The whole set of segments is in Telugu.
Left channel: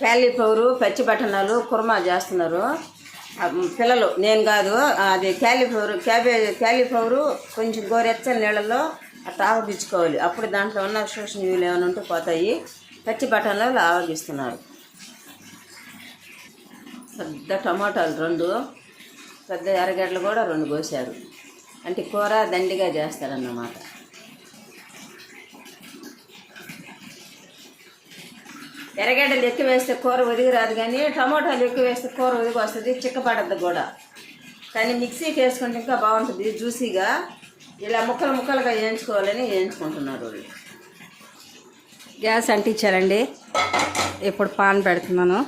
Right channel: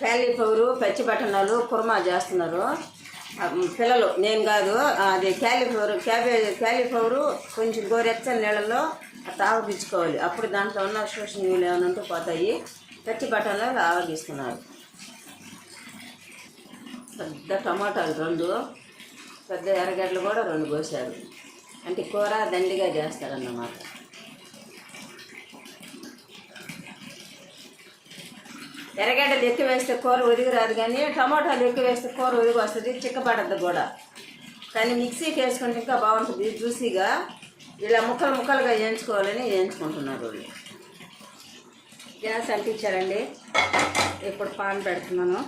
క్యాలీఫ్లవరు పచ్చి బఠానాలు కుర్మా చేస్తున్నారు పిల్లలు, నేను కాదు. అది క్యాలీఫ్లవరు కొంచెం గోరెచ్చని నీళ్ళలో అట్లా ఆవగించుకోవాలి. అప్పుడు దాంట్లో ఉన్న సూక్ష్మజీవులు ఏమైనా ఉంటే పోతాయి. పచ్చి బఠానాలు ఆవగిస్తున్నారు. పెద్ద టమాటాలు 2, పెద్ద ఎర్రగడ్డలు కూడా 2 కోసారు. అంటే కూర దండిగా చేస్తారన్నమాట. ఎర్రగడ్డలు ఎక్కువ వేస్తే కూర ఒదిగి రాదు, కానీ టమాటాలు ఎక్కువ వేస్తే కూర ఒదిగి వస్తుంది, చిక్కపడద్దు కూడా. కానీ మిక్సీకి వేసుకుంటే ఇంకా బాగుంటుంది జ్యూసీగా. ఇలా ముక్కలుగా వేయించుకోవాలని వేయించుకుంటున్నారు వాళ్ళు. గ్యాస్ అంటించారండి. ఇప్పుడు పాన్ పెడుతున్నాను.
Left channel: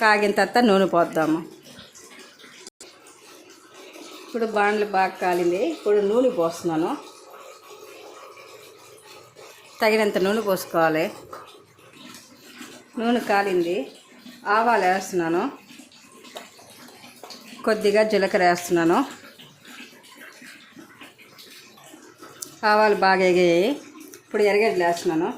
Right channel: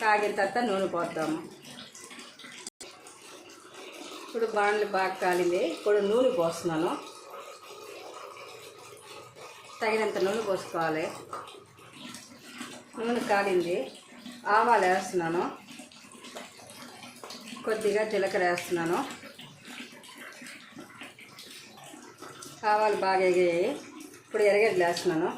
కాగిన తర్వాత నూనె పోద్దాము. ఇప్పుడు బాండ్లు బాగా కాలింది. ఇప్పుడు నూనె పోస్తున్నాను. తగినంత నూనె పోసుకోవాలి. నూనె కాలింది. ఆవాలు వేస్తున్నాను. కొద్దిగా జీలకర్ర వేస్తున్నాను. ఆవాలు బాగా ఎగాయి. ఇప్పుడు ఎర్రగడ్డలు వేస్తున్నాను.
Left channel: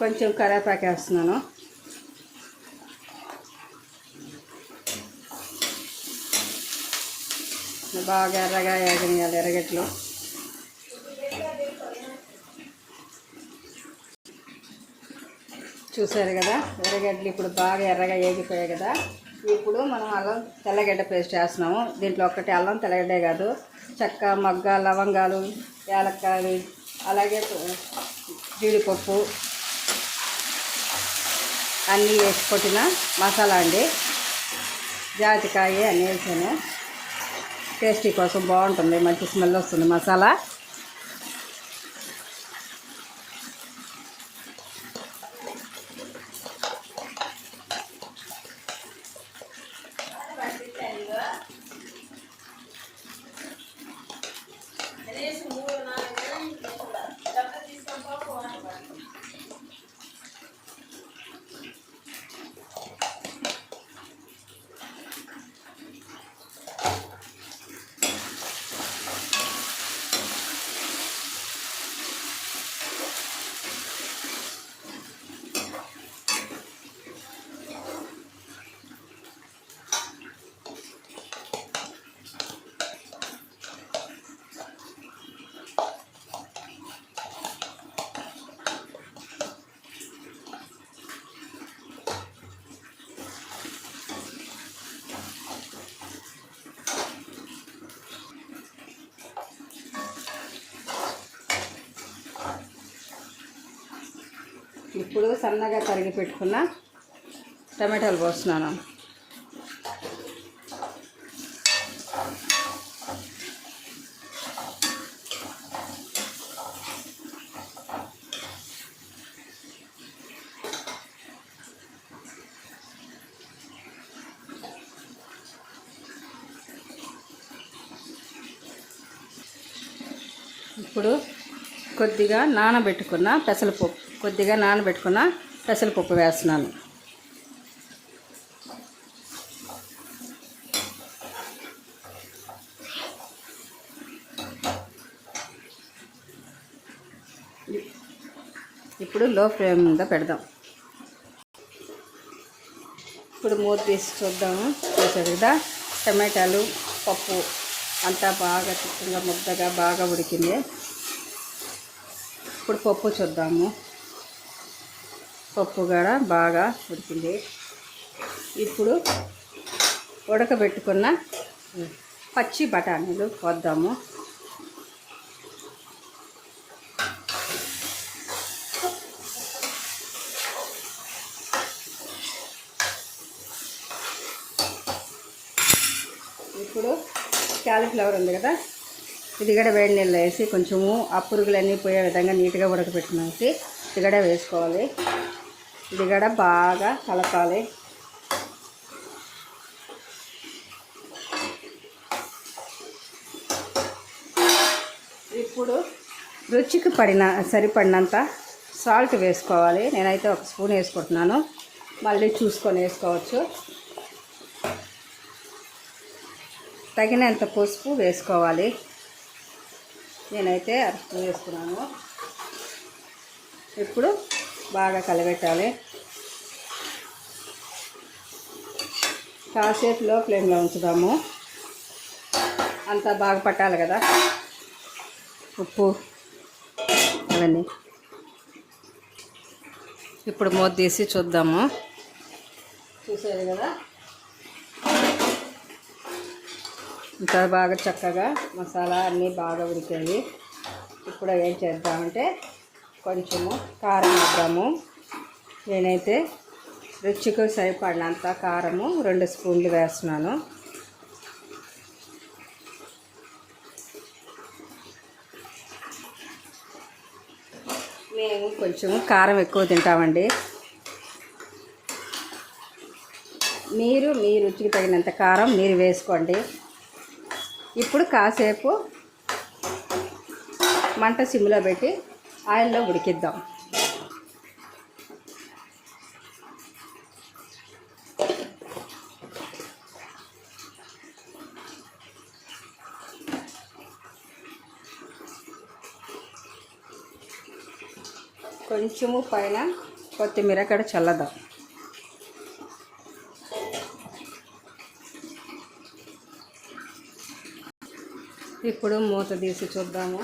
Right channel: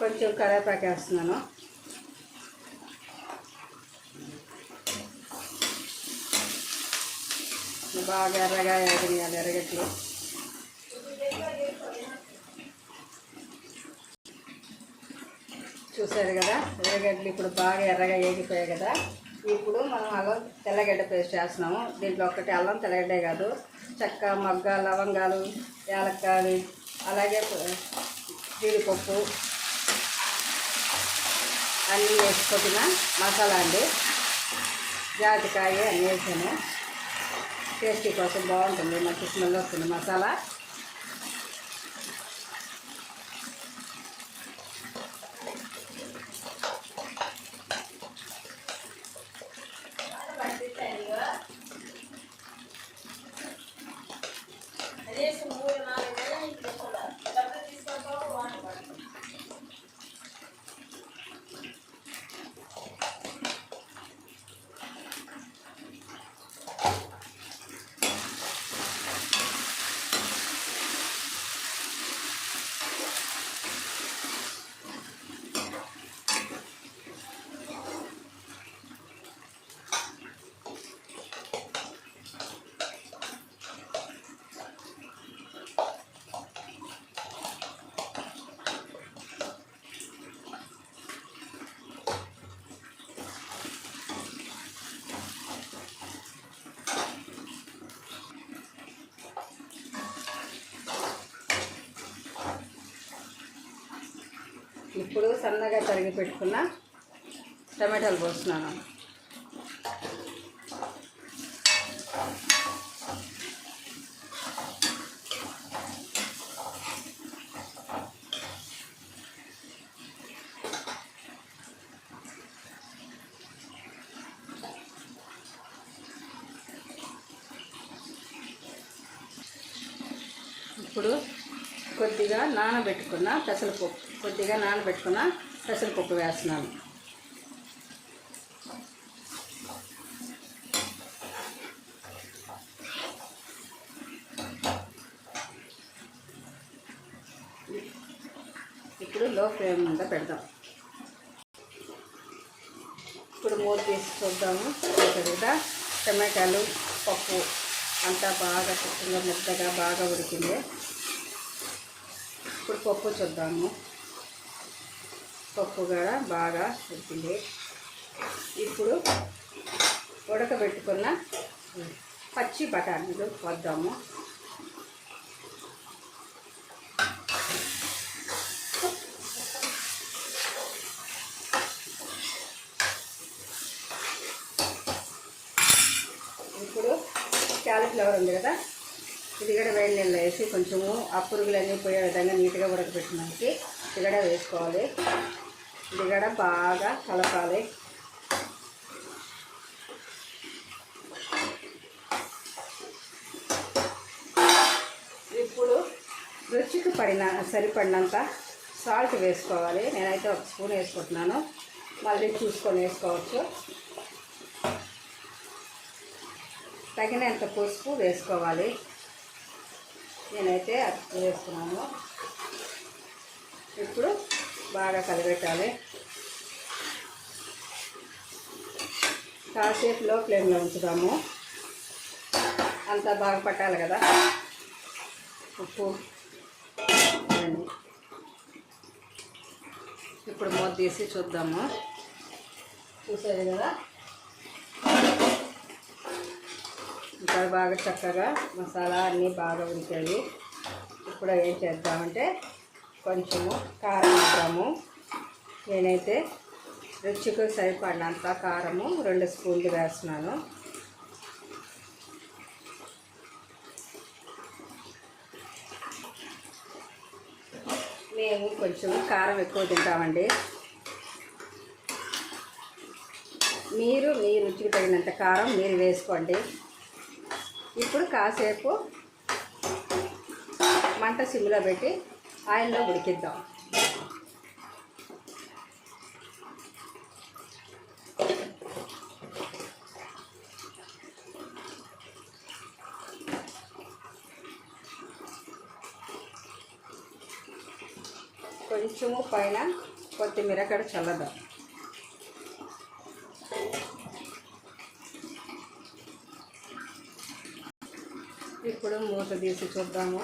కొంచెం కరివేపాకు వేస్తున్నాను. బాగా ఎర్రగా వేగనియాలి ఎర్రగడ్డలు. చూసారు కదా, ఎర్రగడ్డలు ఇప్పుడు బాగా ఎర్రగా వేగిపోయాయి కదా. ఇప్పుడు మనం అల్లం తెల్లగడ్డ పేస్ట్ వేస్తున్నాము. దీంట్లో ఒక్కటి అల్లం తెల్లగడ్డే కాదు, చెక్క, మొగ్గ, లవంగాలు, యాలక్కాయలు, అలాగే జీడిపప్పు అన్నీ వేసి కొట్టిన మసాలా అండి. జాజికాయ అన్నీ వేసాను. టేస్టీ కోసం బాగుంటుంది, మంచి స్మెల్ వస్తుంది మసాలా. ఇప్పుడు సన్నగా తరిగి పెట్టుకున్న టమాటాలు పోస్తున్నాను. ఇప్పుడు కొద్దిగా నానబెట్టుకున్న పెసరపప్పు వేస్తున్నాను. ఇప్పుడు లో ఫ్లేమ్ మీద పెడదాం. ఇప్పుడు మూత తీసి చూద్దాము. కదా టమాటాలు, పప్పు అంతా బాగా ముద్దగా బాగా ఉడికింది. ఇప్పుడు పప్పు చూద్దాము. పప్పు కూడా బాగా ఉడికింది. ఇప్పుడు ఉడకబెట్టుకున్న పచ్చి బఠానీలు పోద్దాము. ఇప్పుడు క్యాలీఫ్లవర్ ఉంది కదా, ఇది కూడా వేడి నీళ్ళు వేసి కొంచెము ఆ పురుగులన్నీ పోయే విధంగా నీట్గా ఉడకబెట్టినాకి ఇది కూడా వేసుకోవాలి. ఇది కూడా బాగా కలపాలి. ఇప్పుడు రుచికి సరిపడినంత సాల్ట్ వేసుకోవాలి. నేనైతే 1 స్పూన్ వేసుకుంటున్నాను. మళ్ళీ చూసుకొని వేసుకోవచ్చు. తగినంత పసుపు వేసుకోవాలి. నేనైతే అరకు వేస్తున్నాను. ఇప్పుడు బాగా కలబెట్టాలి. కాసేపు లో ఫ్లేమ్లో ఉంచుదాము. అంతా బాగా పట్టాలి కదా ఉప్పు అవన్నీ. ఇప్పుడు మూత తీసి చూద్దాము. చూసారు కదా ఇంకా బాగా చక్కగా మసాలా అన్నీ బాగా ఉడికాయి. ఇప్పుడు ఏం చేద్దామంటే కొంచెము కారం వేద్దాము. నేనైతే రుచికి సరిపడినంత కారము 2 స్పూన్లు వేస్తున్నాను. మేము కొంచెం కారం ఎక్కువ తింటామండి. మీరు మీ రుచికి తగినంత కారం మీరు వేసుకోండి. ఇప్పుడు కాసేపు మంట సిమ్లో పెట్టి ఆయిల్లో ఉడికిద్దాం. కొంచెము పైన కొత్తిమీర కూడా చల్లదాం. ఇప్పుడు మూత తీసి చూద్దాము.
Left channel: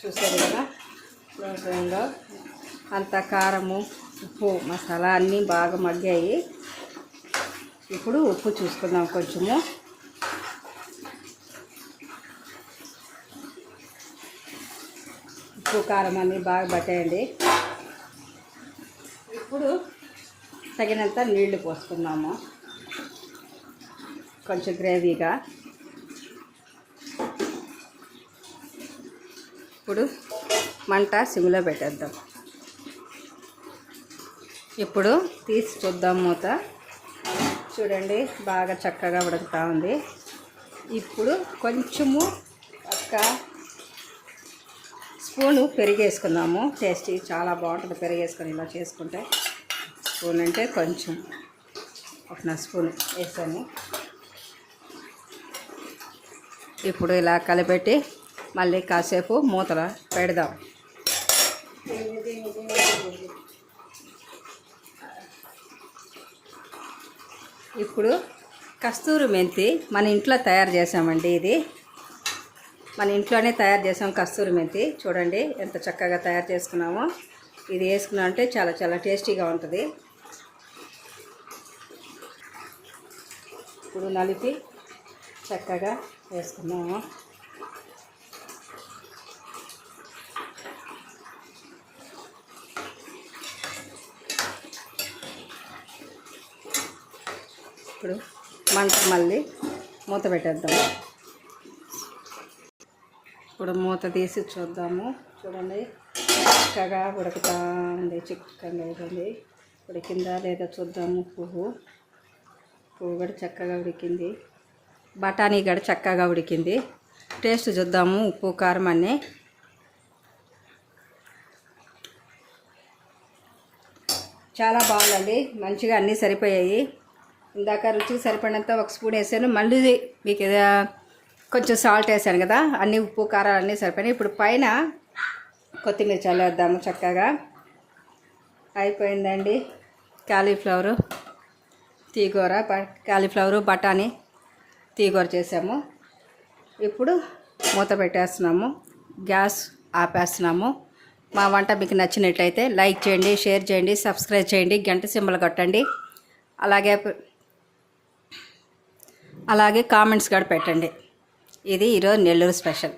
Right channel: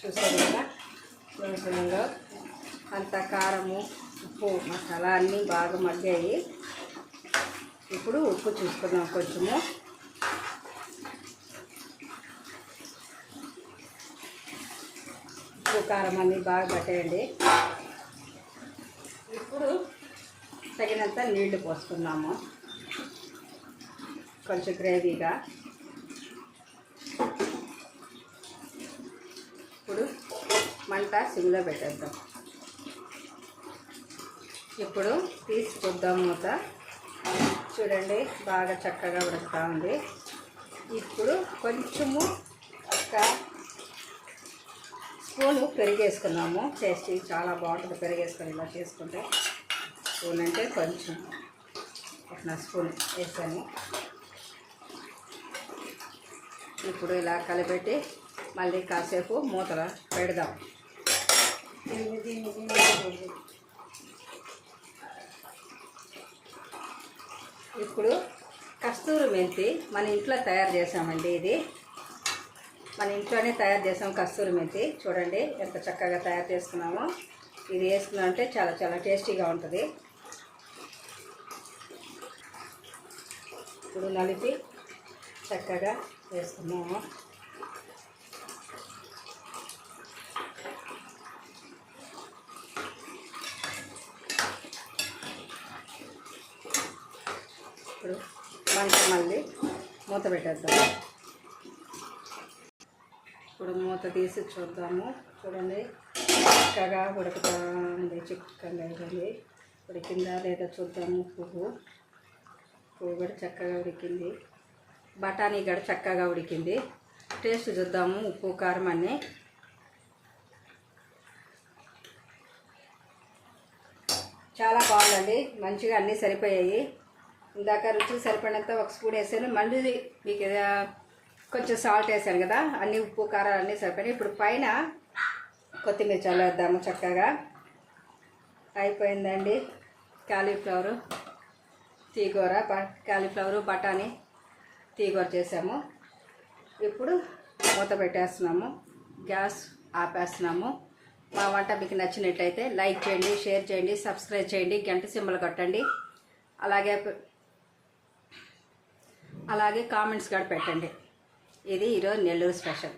చూసారు కదా ఫ్లేమ్లో అంత కారము ఉప్పు మసాలా అన్నీ బాగా మగ్గాయి. ఇప్పుడు ఉప్పు చూసుకుందాం. కొంచెము ఉప్పు కారం అన్నీ బాగా పట్టేయండి. ఇప్పుడు తగినంత నీళ్లు పోసుకుందాము. కొంచెం గ్రేవీగా. ఇప్పుడు మంట సిమ్లో పెట్టేద్దాం. ఇప్పుడు తీసి చూద్దాం మూత. చూడండి బాగా చక్కగా ఉడుకుతూ ఉంది. ఇప్పుడు కొంచెము ఒక స్పూను పెరిగేసుకున్నాము. టేస్టీ చాలా బాగుంటుంది పెరిగేసుకొని ఇలా చేసుకుంటే. స్పూన్ అంటే కొంచెం 1 స్పూన్ వేసాను. ఇప్పుడు ఇలా కలిపెట్టి మళ్ళీ కాసేపు మూతల పెడదాం. ఇప్పుడు కస్తూరి మెంతి మన ఇంట్లో తయారు చేసామండి. ఇది మన ఇంట్లోనే తయారు చేసాం కస్తూరి మెంతి. చూడండి ఎంత చక్కగా తయారు చేసుకున్నామో. ఇది వేసుకున్నామంటే చాలా చాలా టేస్టీగా ఉంటుంది. ఇప్పుడు నలిపి చక్కగా వేసుకున్నాము. ఇప్పుడు మంట మళ్ళీ మూత పెట్టేద్దాం. ఇప్పుడు మూత తీసి చూద్దాము. చూడండి చక్కగా ఉడుకుతా ఉంది. చిక్కగా ఉంది. ఉడికిందా లేదా చూద్దాము. పువ్వు కూడా చక్కగా ఉడికింది. బఠానీ కూడా చక్కగా ఉడికింది. టేస్ట్ చూద్దాము. ఉప్పు కారం అన్నీ చాలా బాగుంది. మంచిగా అన్నీ సరిపోయాయి. ఇందాక రుచికి సరిపడినంత 1 స్పూన్ వేసాను. మళ్ళీ మీకు కొంచెం సాల్ట్ వేసాను కదా. అన్నీ ఉప్పు కారాలు అన్నీ సరిపోయినాయి. ఇప్పుడు పైన కొత్తిమీర చల్లేద్దాము. చక్కగా అయిపోయిందండి. కాలీఫ్లవరు తీగూర, కాలీఫ్లవరు బఠానీ తీగూర చేసాము. ఇప్పుడు మూత పెట్టేస్తున్నాము. గ్యాస్ ఆపేస్తున్నాము. మా వంట మీకు నచ్చినట్లయితే లైక్ చేయండి, షేర్ చేయండి, సబ్స్క్రైబ్ చేయండి, గంట సింబల్ కొట్టండి. అలాగే కామెంట్స్ కూడా పెట్టండి. ఇది ఈరోజు నెల్లూరు స్పెషల్.